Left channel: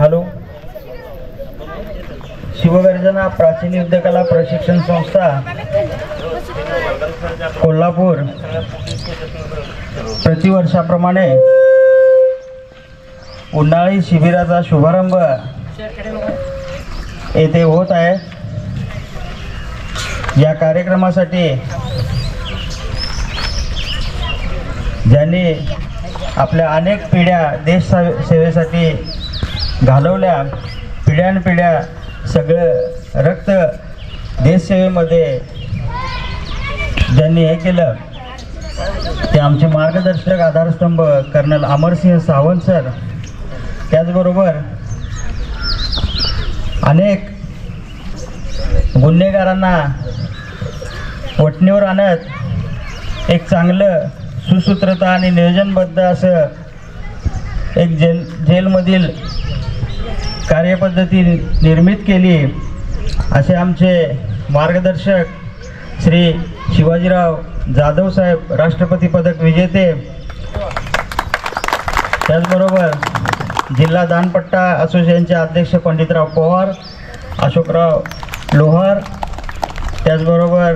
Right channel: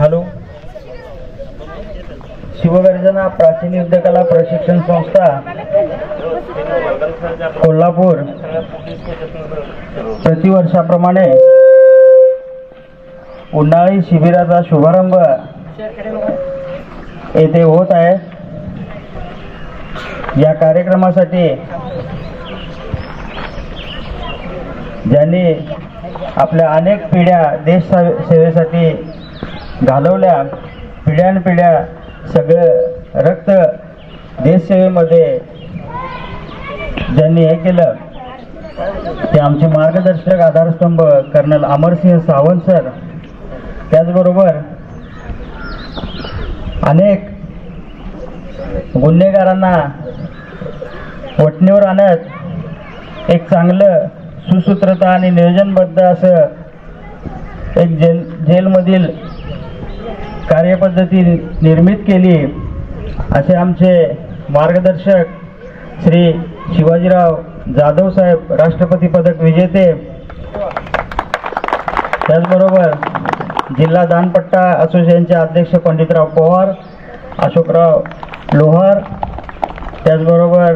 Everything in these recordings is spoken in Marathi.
हॅलो. शिवगर्जना प्राचीन युद्धकला प्रशिक्षण संस्था कोल्हापूर प्रतिवर्षाप्रमाणे उन्हाळी शिबिराचा शुभारंभ येथे होत आहे. या कार्यक्रमासाठी ज्यांनी आपल्या अनेक पिढ्या देश सेवेसाठी घालवल्या, पिढ्यानपिढ्या सगळं रक्त देशसेवेमध्ये ज्यांनी हे केलं, ते आमचे मार्गदर्शक आधारस्तंभ कर्नल अमरसिंह सावंत सर. त्याचबरोबर अनेक गुन्हेगारांना वठणीवर आणत एक चांगलं सुसूत्रता आणि नियोजनबद्ध असं एक जेलमधील कार्यपद्धती निर्मित केली, असे आमचे मार्गदर्शक श्री शिवाजीराव जाधव साहेब, राष्ट्रपती पदक विजेते. त्याचबरोबर जिल्हा दानपट्टा असोसिएशनचे अध्यक्ष पंडितराव पवार, अशोकराव लोहार, त्याचबरोबर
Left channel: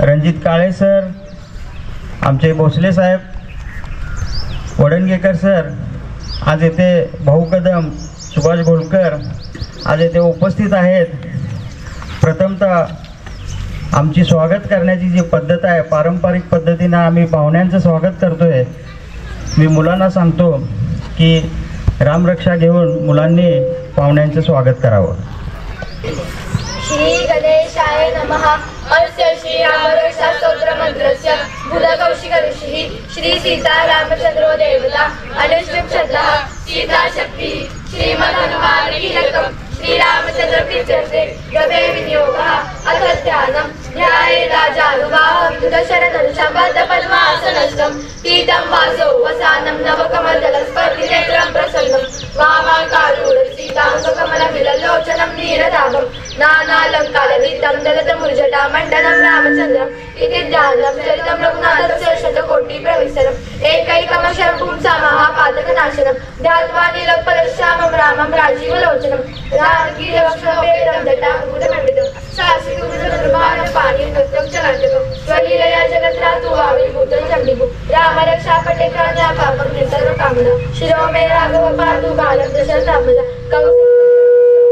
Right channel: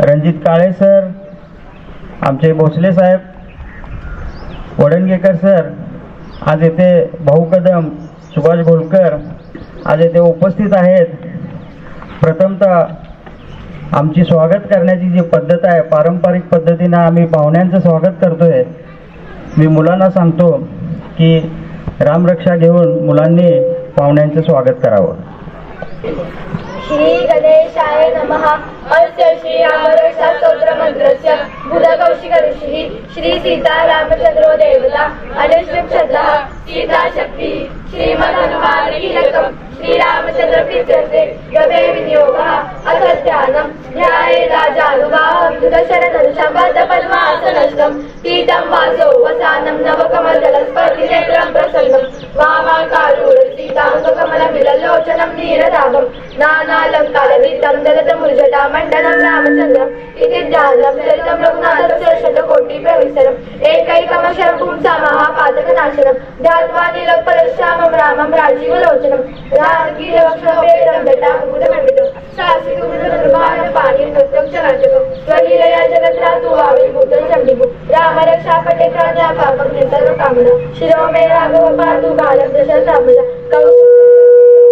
रणजित काळे सर, आमचे भोसले साहेब, वडणगेकर सर, आज येथे भाऊ कदम, सुभाष गोलकर आज येथे उपस्थित आहेत. प्रथमतः आमची स्वागत करण्याची जी पद्धत आहे, पारंपरिक पद्धतीनं आम्ही पाहुण्यांचं स्वागत करतोय. मी मुलांना सांगतो की रामरक्षा घेऊन मुलांनी पाहुण्यांचं स्वागत करावं. श्री गणेशाय नमः. अस्य श्री रामरक्षा स्तोत्र मंत्रस्य भूतकौशिक ऋषिः श्री सीता रामचंद्रो देवता अनुष्टुप श्रद्धा सीता शक्ति श्रीमद् हनुमान कीलकम् श्री रामचंद्र प्रीत्यर्थे गवे विनियोगः अथ ध्यानं ध्याये राजानुभावं दशरथं पद्मासनस्थं पीतं वासो वसानं नवकमलदलस्पर्धिनेत्रं प्रसन्नं वामाकारूढ सीताङ्गकमलविललोचनं नीरदाभं नानालङ्कारविद्धं दलतमुर्जटामण्डनं रामचन्द्रम् इति ध्यानं चरितं रघुनाथस्य शतकोटिप्रविस्तरम् एकैकमक्षरं पुंसामः पातकनाशनं ध्यात्वा नीलपलश्यामं रामं राजीवलोचनं रामकीलक्ष्मणवेदं जटामुकुटमण्डितं साहसिकं पाणि नृत्यं च नाट्यकं स्वलीलया जगत्रातु आविर्भूतं चण्डिभू रामरक्षा पटेकान्या पापं सर्वकामना शिरो मे राघव पातु बालं दशरथात्मजा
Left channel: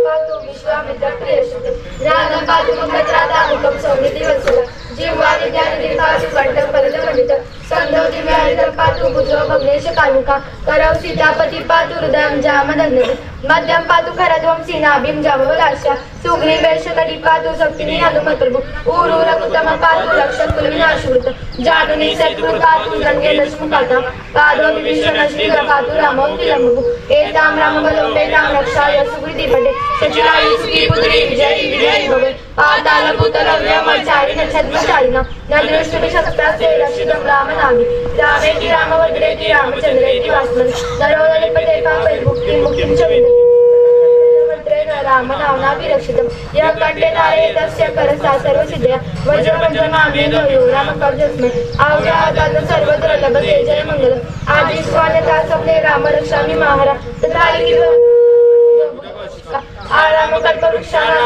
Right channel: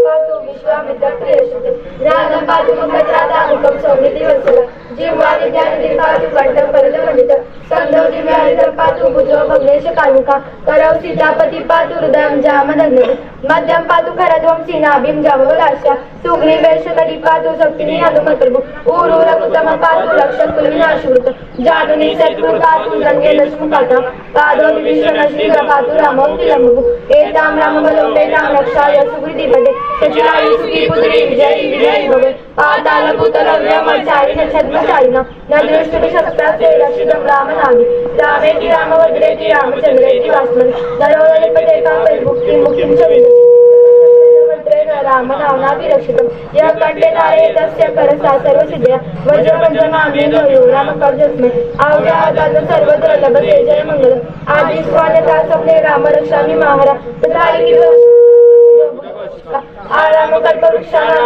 पातु विश्वामित्र प्रियश्रुते ज्ञानं पातु मुखत्रादामुखं सौमिति वत्सला जीवानि ज्ञानिधिं पातु कण्ठं परदमण्डितं स्कन्धौ दिव्यानिधं पातु भुजो भग्नेश कामुका करौ सीतापति पातु हृदयं जामदग्नति मध्यं पातु खरध्वं सीनाभिं जामवलास्या सुग्रीवेशकटि पातु शक्तिनि हनुमत्प्रभु ऊरूरकुतमं पातु रक्षकुलविनाशकृत जानुनि शत्रुं पातु गङ्गे दशमुखाता पादो विभीषणश्रीधर पातु रामो तिलम्बु एतां रामबलोपेतां रक्षाय सुकृतिपटे सचिरायु सुखी पुत्री विजयी विजयी भवे पातालभूतलव्यमचारिण छद्मचारिण न दृष्टुभिशक्तास्ते रक्षितं रामनामि रामेति रामभद्रेति रामचन्द्रेति वास्मनि नरोदलिपतेकां परिमुक्तिं मुक्तिं च विन्दति रामनाम्नाभिरक्षितं यः कण्ठे धारयेतस्य करसा सर्वसिद्धया वज्रपञ्चनामेन यो रामकवचस्मै आवजातान् सर्वत्र लभते जयमङ्गलम् आदिस्वान्यथा सपने रामरक्षामि महारा तथा आरामकल्पवृक्षाणां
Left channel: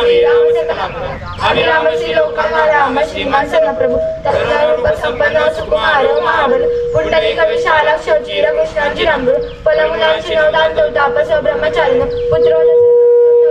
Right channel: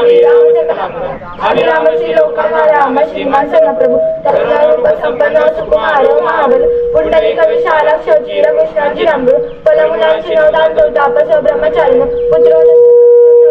रामश्री लोकानां राम श्रीमान प्रभु तत्कारूपसम्पन्न सुकुमार महाबल पुण्डरीकविशालाक्ष चिरकृष्णार्जुनाम्बर फलमुलांची नवदान्तो तापस ब्रह्मचारिण पुत्रो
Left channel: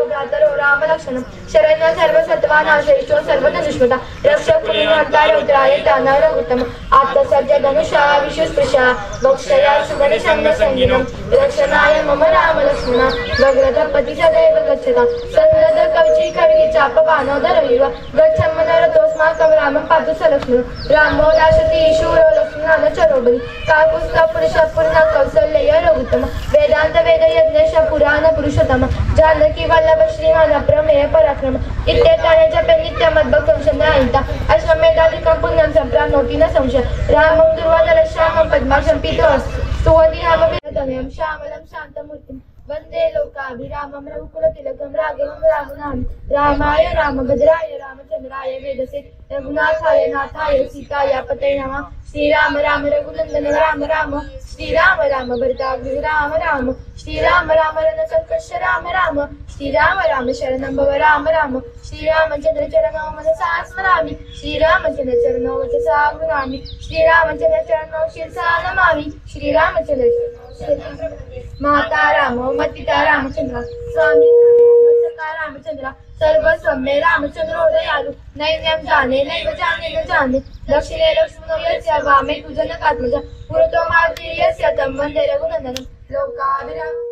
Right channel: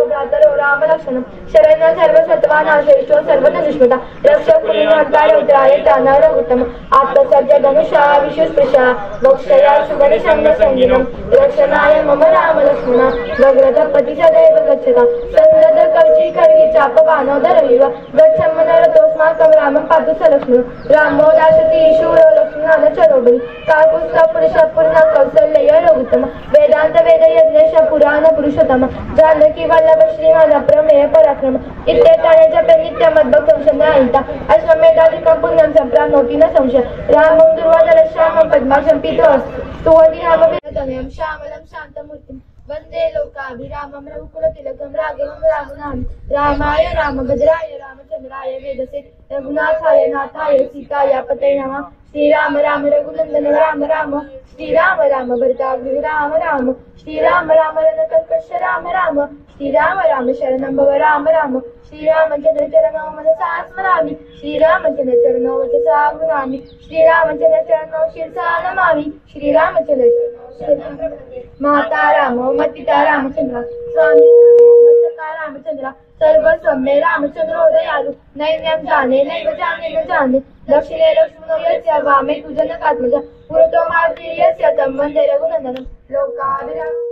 भ्रातरो रामलक्ष्मणं शरण्य सर्वसत्त्वानाशेषो सर्वधनुष्मता रक्षक पुण्यवन्तार उत्तराय दानवरगुतम आत्मसर्ज धनुषा विशुस्पृशा वक्षया सुगणिषण्डसंगिनं रक्षणाय मम रामलक्ष्मणा भद्रपति सदैव गच्छता सन्दद कवची खड्गी चाप बाणोदरविव गच्छं मनोरथोऽस्माकं रामं पातु स लक्ष्मणो रामो दाशति शूरो लक्ष्मणान चरोबलि काकुत्स्थ पुरुष पूर्ण कौसल्य रघुत्तम वेदांत वेद यज्ञेश पुराण पुरुषोत्तम जानकी वल्लभ श्रीमान प्रमेय पराक्रम इत्येतानि जपे नित्यमद्भक्तं शरणागता अश्वमेधादिकं पुण्यं सम्प्राप्नोति न संशय रामं दुर्वादलश्यामं पद्माक्षं पीतोऽस्तु स्तुवन्ति रामविरतमेयं श्यामलं शान्तमूर्तिं वंदे लोकाभिरामं रघुकुलतिलकं राघवं रघुनाथं रामाय रामभद्राय रामचंद्राय वेदसे रघुनाथाय नाथाय सीताय पतये नमः। श्रीराम राम रघुनंदन राम राम श्रीराम राम भरताग्नि राम राम श्रीराम राम रणसंकर्ष राम राम श्रीराम राम शरणं भव राम राम श्रीरामचंद्र चरणौ मनसा स्मरामि श्रीरामचंद्र चरणौ वचसा गृह्णामि श्रीरामचंद्र चरणौ शिरसा नमामि श्रीरामचंद्र माता रामो मतिता रामचंद्र स्वामी सखा रामचंद्र सर्वस्वम्य रामचंद्रो दयालु नैन्यं जाने नैव जाने न जाने दक्षिणे लक्ष्मणो यस्य वामे तु जनकात्मजा पुरतो मारुति यस्य तं वन्दे रघुनन्दनं लोकाभिरामम्।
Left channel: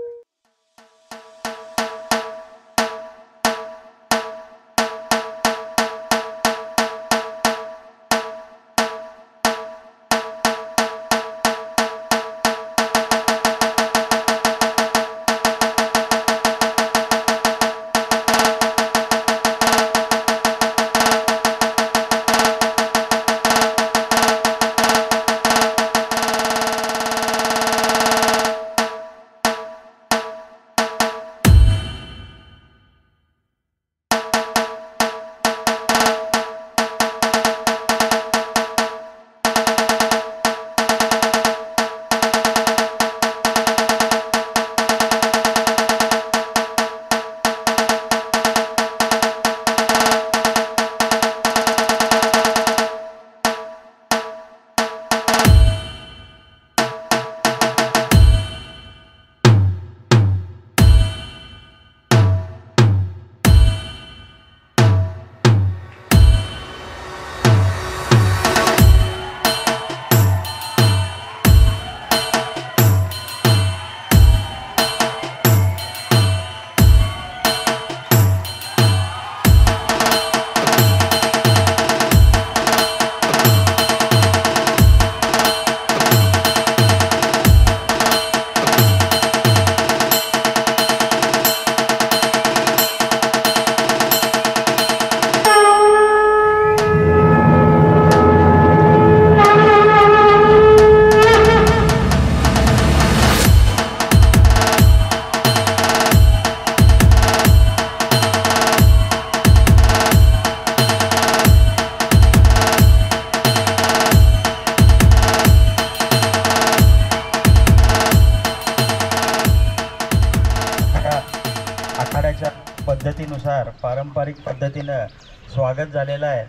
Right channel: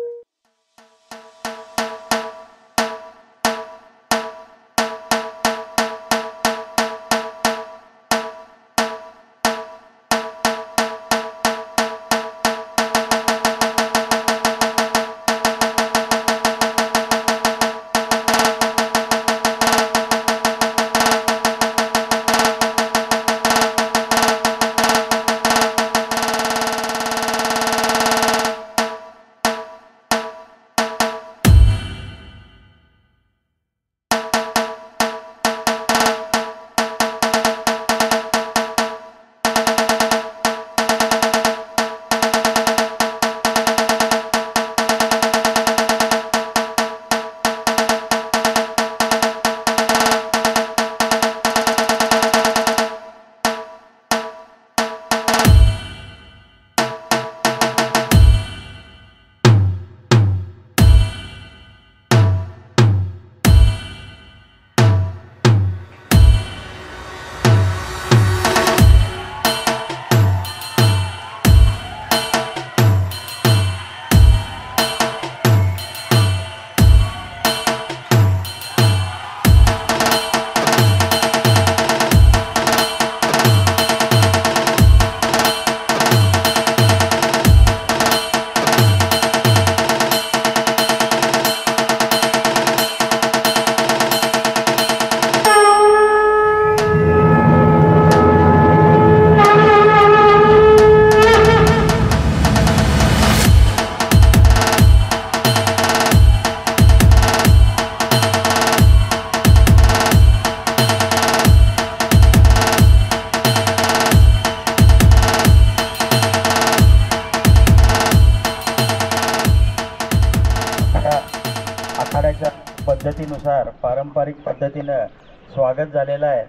पद्धतीनुसार पारंपरिक पद्धतीनं स्वागत झालेलं आहे।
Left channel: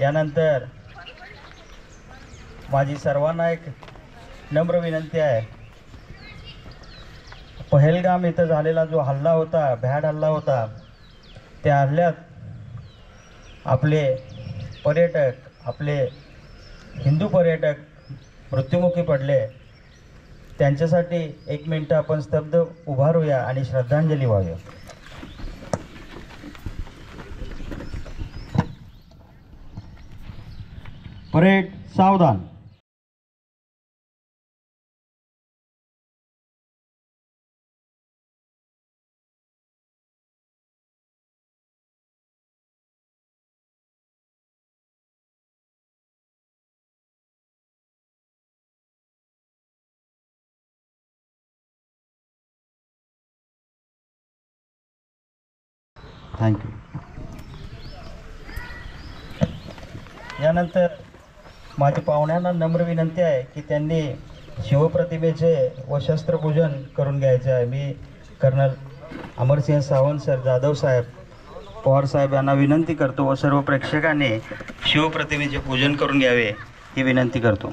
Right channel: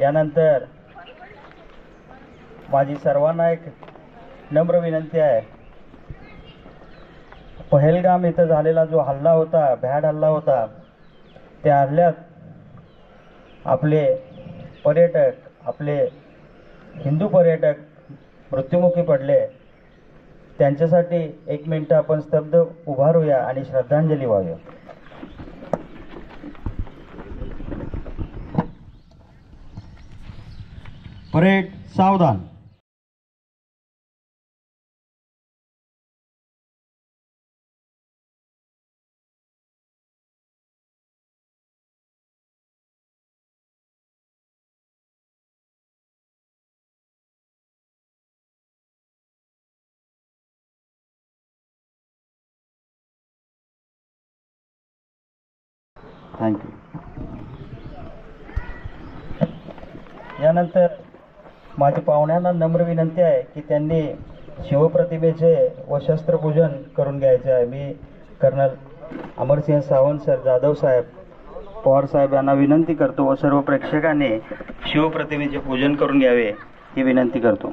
यानंतर माझी सर्वांना एक नम्र विनंती आहे, पहलगाम इथं झालेला जो हल्ला होता, भ्याड हल्ला होता, त्या हल्ल्यात आपले पर्यटक, आपले हिंदू पर्यटक मृत्युमुखी पडले। त्यांच्यासाठी एक मिनिट आपण स्तब्ध उभारूया आणि श्रद्धांजली वाहूया। परेड सावधान। थँक्यू। यानंतर माझ्या पाहुण्यांना नम्र विनंती आहे की त्यांनी शिवप्रतिमेचे व शस्त्रपूजन करून घ्यायचे आहे। मी कर्नल अमरसिंह सावंत सर, जाधव साहेब, पवार साहेब यांना विनंती करतो व सर्व प्रेक्षकांनी शिवप्रतिमेचे पूजन करून घ्यावे ही विनंती करतो।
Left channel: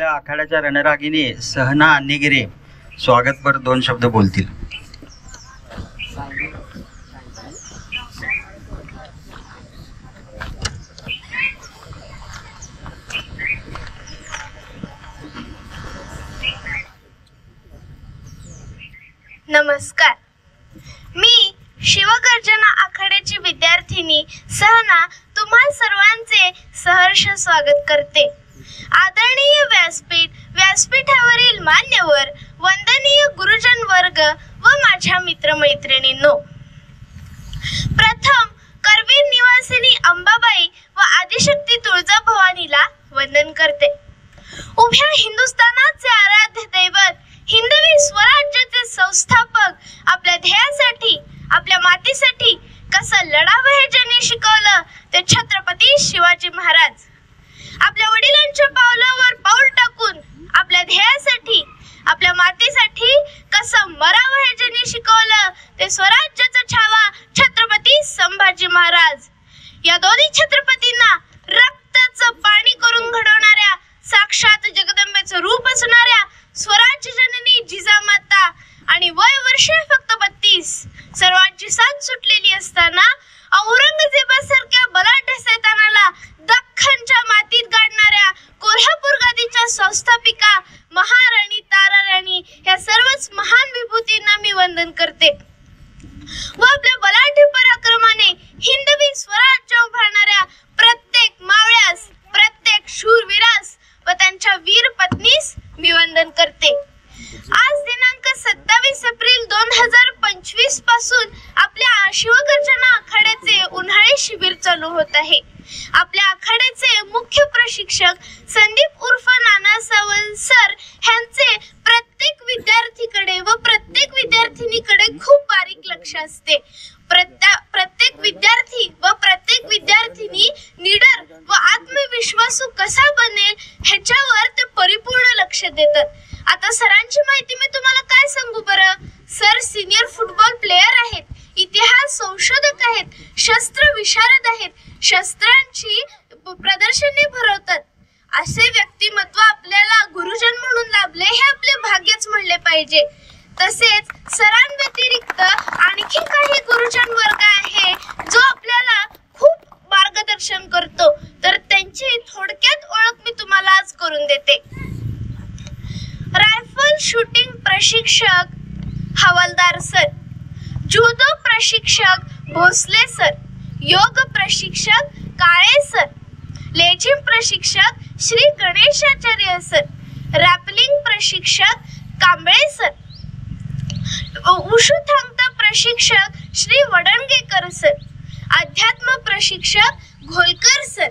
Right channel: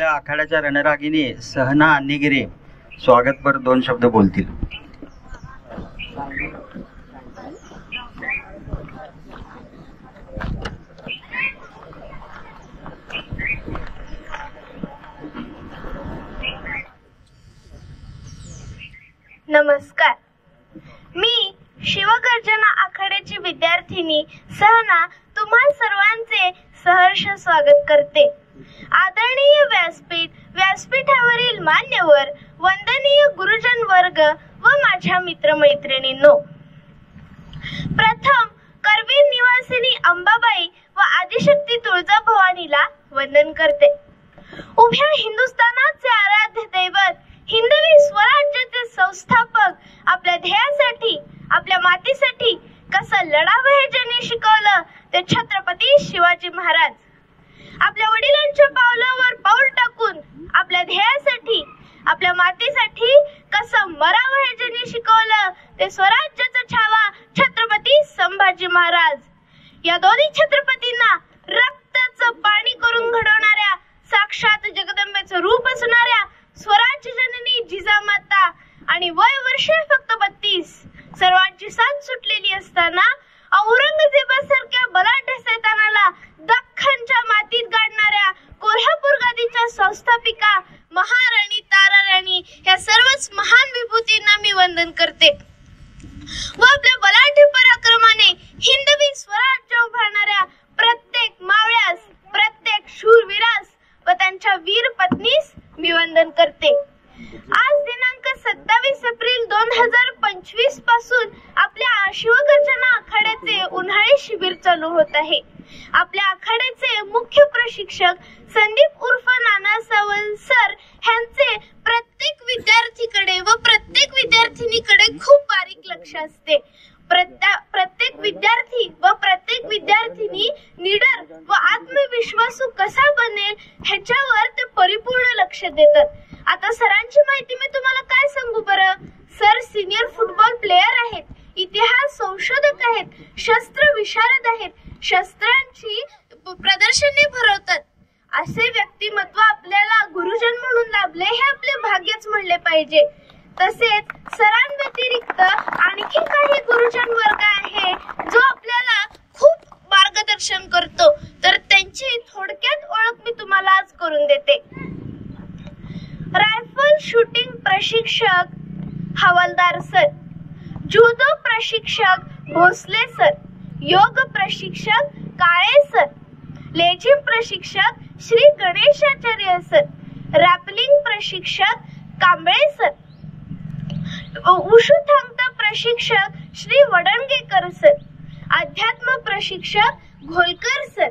आपल्या आखाड्याच्या रणरागिणी सहना अन्नीगिरे स्वागतपर 2 शब्द बोलतील. नमस्कार. मी शिवगर्जना आखाड्याची विद्यार्थिनी सहना तुम्हा सर्वांचे सहर्ष स्वागत करते. आदरणीय व्यासपीठावरील मान्यवर, वंदनीय गुरुजन वर्ग व माझ्या मित्रमैत्रिणींनो, प्रथम करवीर निवासिनी अंबाबाई व आदिशक्ती तुळजाभवानीला वंदन करते. उभ्या हिंदुस्थानाचे आराध्य दैवत, हिंदवी स्वराज्याचे संस्थापक आपल्या ध्येयासाठी, आपल्या मातीसाठी कसं लढावं हे ज्यांनी शिकवलं ते छत्रपती शिवाजी महाराज. आपल्या वडिलांच्या पावलावर पाऊल टाकून आपल्या ध्येयासाठी, आपल्या मातीसाठी कसं मरावं हे ज्यांनी शिकवलं ते स्वराज्याचा छावा छत्रपती संभाजी महाराज. या दोन्ही छत्रपतींना रक्ताचं पाणी करून घडवणाऱ्या, साक्षात जगदंबेचं रूप असणाऱ्या स्वराज्य जननी जिजामाता आणि वय वर्षे फक्त 32, सर्वांची साथ सुटलेली असताना औरंगजेबासारख्या बलाढ्य सैतानाला दख्खनच्या मातीत गाडणाऱ्या कोल्हापूर गादीच्या संस्थापिका महाराणी ताराराणी या सर्वच महान विभूतींना मी वंदन करते. व आपल्या बलाढ्य पराक्रमाने हिंदवी स्वराज्य उभारणाऱ्या प्रत्येक मावळ्यास, प्रत्येक शूरवीरास व त्यांच्या वीर पत्नीस मी वंदन करते. आज दिनांक 27 एप्रिल 2025 पासून आपल्या शिवगर्जना आखाड्याचे उन्हाळी शिबिर चालू होत आहे. आपल्या आखाड्याचे मुख्य प्रशिक्षक संदीप उर्फ नाना सावंत सर यांचे प्रत्येक विद्यार्थीकडे व प्रत्येक विद्यार्थिनीकडे खूप बारीक लक्ष असते. प्रत्येक विद्यार्थी व प्रत्येक विद्यार्थिनी निडर व आत्मविश्वासू कसा बनेल ह्याच्यावर ते परिपूर्ण लक्ष देतात. आता सरांची माहिती मी तुम्हाला काय सांगू बरं. सर सिनियर फुटबॉल प्लेयर आहेत, इतिहास संशोधक आहेत, शस्त्र विशारद आहेत, शस्त्रांची प्रदर्शने भरवतात. असे व्यक्तिमत्व आपल्याला गुरुजन म्हणून लाभले हे आपले भाग्यच म्हणले पाहिजे. तसेच सरांव्यतिरिक्त आणखी काही गुरुजन वर्ग आहे जो आपल्याला खूप मार्गदर्शन करतो, तर त्यांची थोडक्यात ओळख मी तुम्हाला आज करून देते. रायफल शूटिंग प्रशिक्षक हवालदार सर, जुदो प्रशिक्षक भोसले सर, योग प्रशिक्षक काळे सर, लेझिम प्रशिक्षक श्री गणेशाचार्य सर, रॅपलिंग प्रशिक्षक कांबळे सर, उशू थांगता प्रशिक्षक श्री वडणगेकर सर, अध्यात्म प्रशिक्षक घोलकर सर,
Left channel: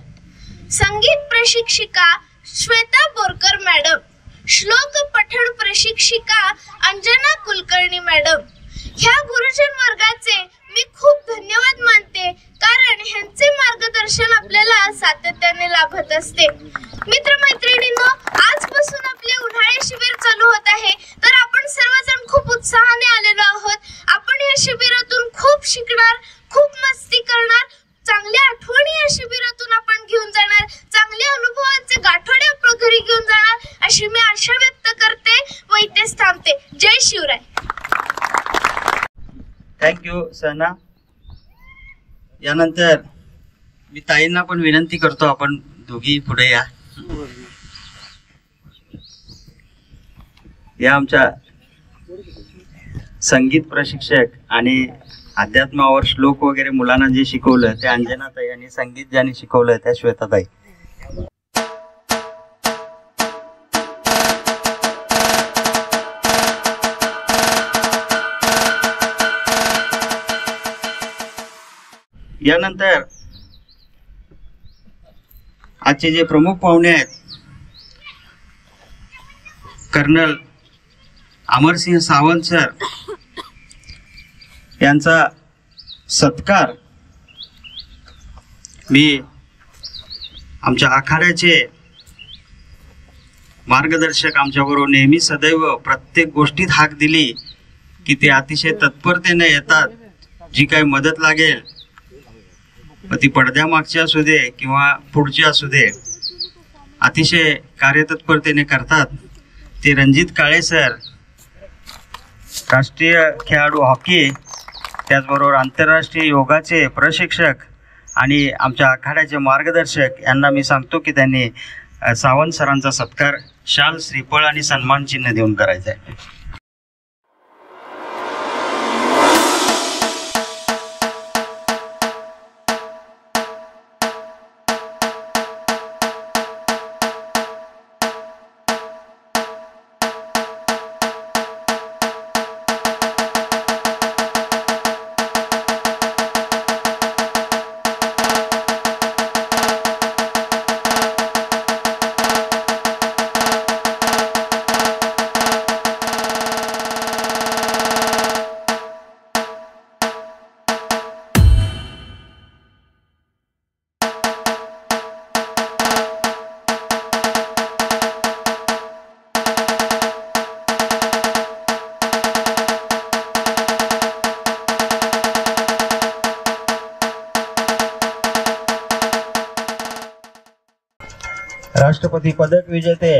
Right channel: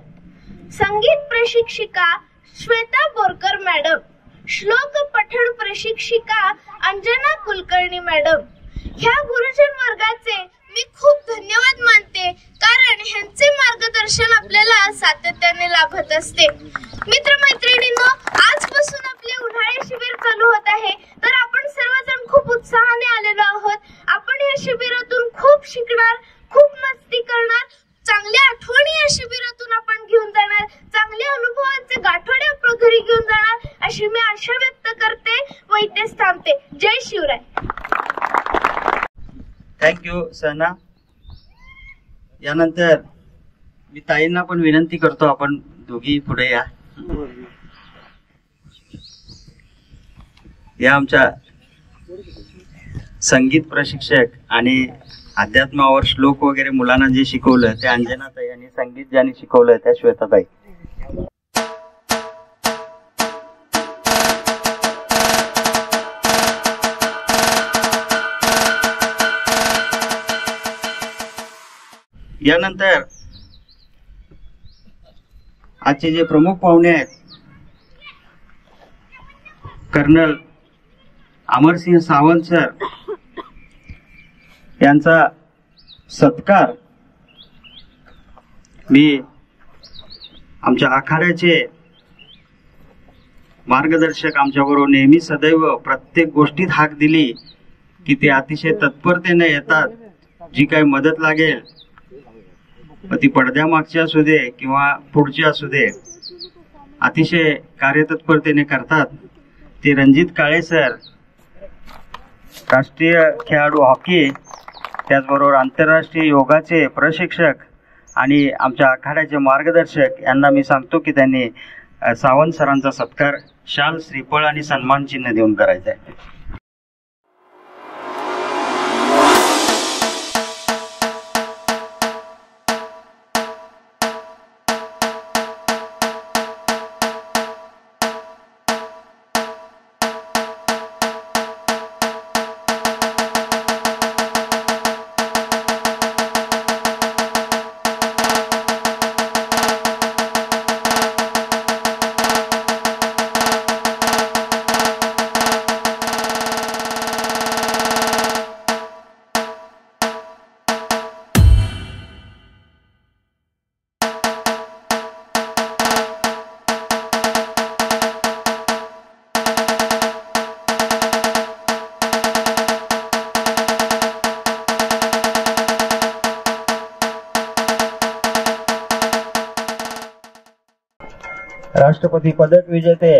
संगीत प्रशिक्षिका श्वेता बोरकर मॅडम, श्लोक पठण प्रशिक्षिका अंजना कुलकर्णी मॅडम. ह्या गुरुजन वर्गाचे मी खूप धन्यवाद मानते, कारण ह्यांचे मार्गदर्शन आपल्याला सातत्याने लाभत असते. मित्रमैत्रिणींनो, आजपासून आपले उन्हाळी शिबिर चालू होत आहे, तर आपण सर्वजण खूप उत्साहाने आलेलो आहोत. आपण या शिबिरातून खूप शिकणार, खूप मस्ती करणार, चांगल्या आठवणी या शिबिरातून आपण घेऊन जाणार, चांगल्या अनुभवांचे गाठोडे आपण घरी घेऊन जाणार अशी मी आशा व्यक्त करते व इथेच थांबते. जय शिवराय. थँक्यू सहना. यानंतर मी ताईंना पण विनंती करतो, आपण दोघी पुढे या. या आमच्या संगीत प्रशिक्षक आणि अध्यात्मावर श्लोक वगैरे मुलांना जे शिकवलं ते अंजनाताई, आणि संगीत ज्यांनी शिकवलं त्या श्वेताताई. यानंतर आजचे जे प्रमुख पाहुणे आहेत, कर्नल अमरसिंह सावंत सर यांचा सत्कार मी आमच्या आखाड्याचे मार्गदर्शक, आमच्याबरोबर नेहमी सदैव प्रत्येक गोष्टीत हाक दिली की ते अतिशय तत्परतेने येतात. जी काही मदत लागेल, ती पडद्यामागची असू दे किंवा पुढची असू दे, अतिशय कार्यतत्परतेने करतात ते रणजित काळे सर, राष्ट्रीय खेळाडू हॉकी, त्याचबरोबर आंतरराष्ट्रीय योगाचे प्रशिक्षक आणि आमच्या आखाड्याचे मार्गदर्शक यांना मी सांगतो की त्यांनी सावंत सरांचा सत्कार शाल, श्रीफळ आणि सन्मान चिन्ह देऊन करायचा आहे. राष्ट्रपती पदक विजेते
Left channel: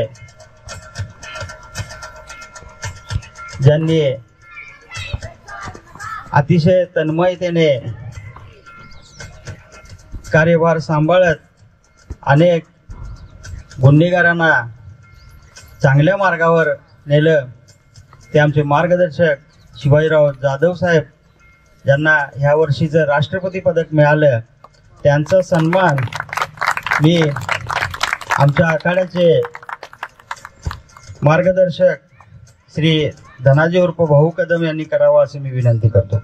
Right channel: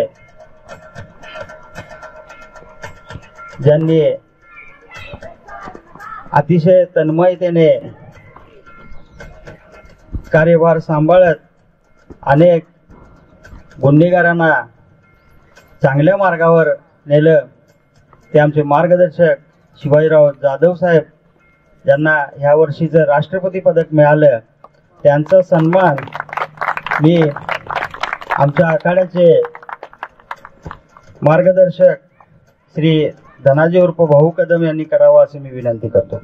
ज्यांनी अतिशय तन्मयतेने कार्यभार सांभाळत अनेक गुन्हेगारांना चांगल्या मार्गावर नेलं, ते आमचे मार्गदर्शक शिवाजीराव जाधव साहेब, ज्यांना ह्या वर्षीचं राष्ट्रपती पदक मिळालं, त्यांचा सन्मान मी आमच्या आखाड्याचे मार्गदर्शक श्री धनाजी उर्फ भाऊ कदम यांनी करावा असे मी विनंती करतो.